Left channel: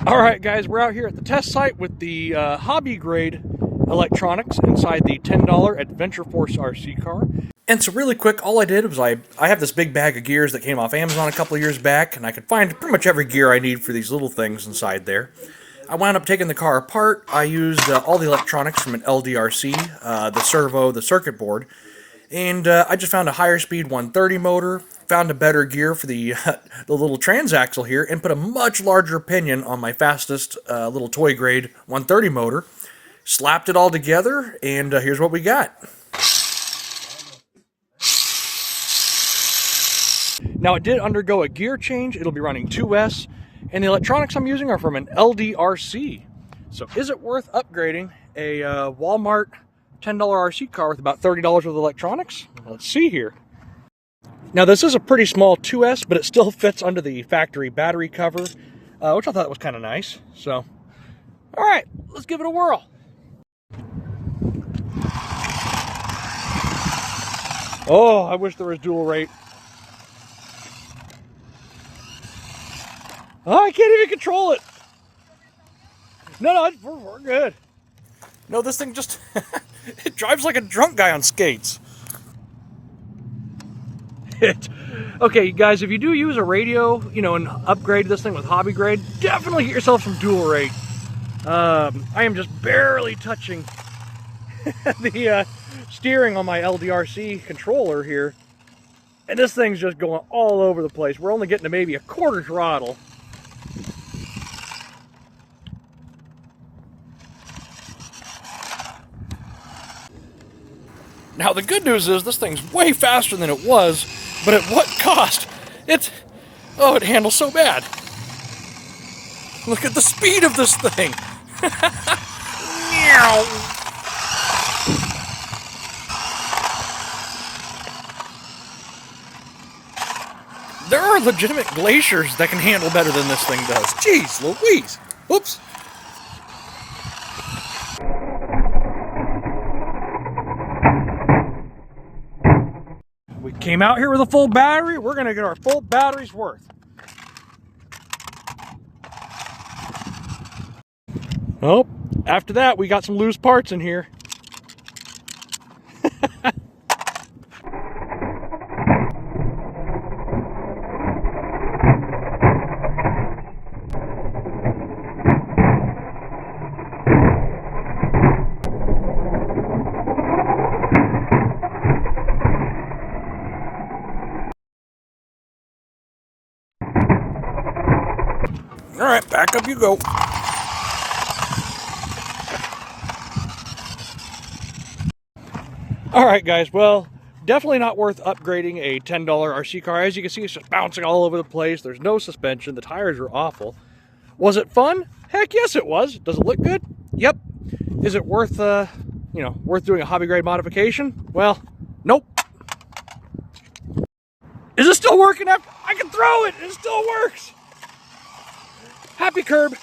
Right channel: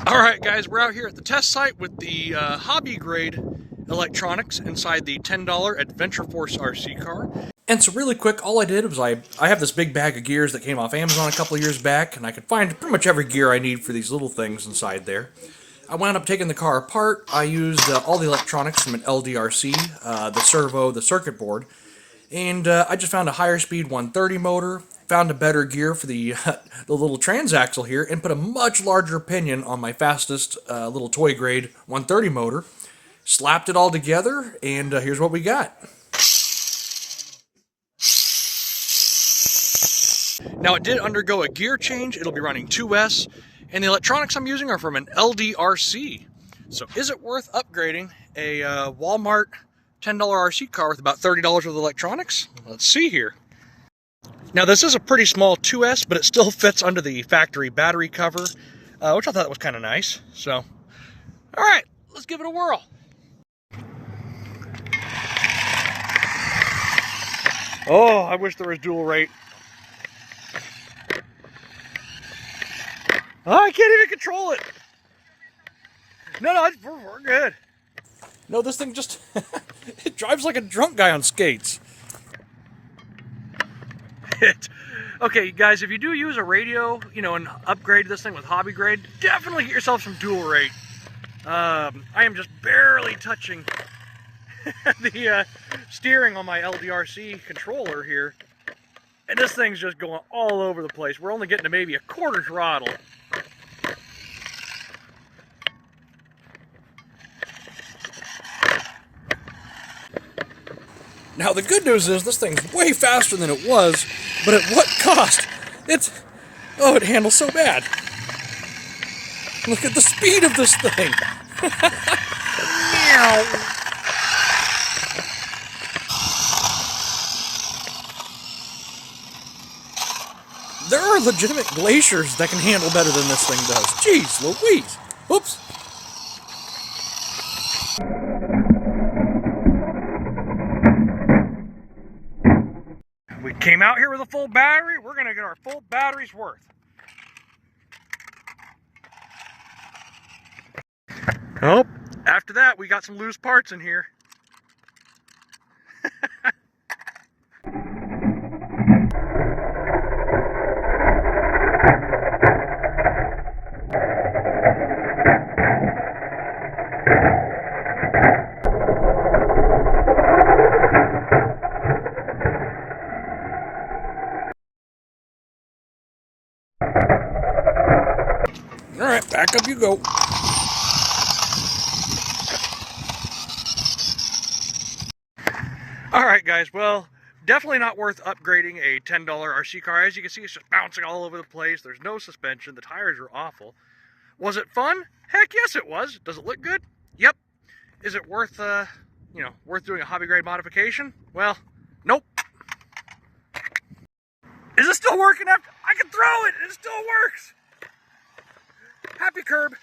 Alright guys, we're out here at the test site with the hobby grade electronics inside the $10 Adventure Force RC car. And so really quick, all I did was I have this big bag of gears that came off Amazon a couple of years back, and I could find pretty much every gear I need for these little things inside there. I wound up taking the car apart. I used all the electronics from an LDRC, the servo, the circuit board, and I just found a higher speed 130 motor, found a better gear for the the little transaxle here, and put a much larger pinion on my fastest little toy grade 130 motor. Slapped it all together, and here's what we got. Now it did undergo a gear change. It'll be running 2S, and the electronics I'm using are from an LDRC. So is it worth upgrading a Walmart $10 RC car with about $30 worth of electronics? Let's see here. Now this is a pretty small 2S, but it still fits under the factory battery cover, which I thought was kind of nice. So, all right, let's give it a whirl. Oh, I wish there was dual rate. Oh, I can't even control it. No, we're good. No, this thing just, it drives like a drunk guy on skates. Okay, guys, if you do use a radio, and upgrade this thing with hobby grade, definitely get yourself some dual rate. I am just barely touching the steering on my LDRC controller here, and this thing's just going all over the place. We're only getting to maybe a quarter throttle. Now the good news is this thing's way faster than it was, but at what cost? It handles so bad. Look at the speed of this thing. There are legitimate glaciers that can handle better than this thing does. Jeez Louise. Oops. We came out here with a full battery. We're going to get our full battery's worth. Oh, after that, we got some loose parts in here. All right, back up you go. All right, guys, well, definitely not worth upgrading a $10 RC car. As you can see, it's just bouncing all over the place. There's no suspension. The tires are awful. Was it fun? Heck yes, it was. Does it look good? Yep. Is it worth, worth doing a hobby grade modification? Well, nope. Is it still working after? I can throw it. It still works. Happy curb.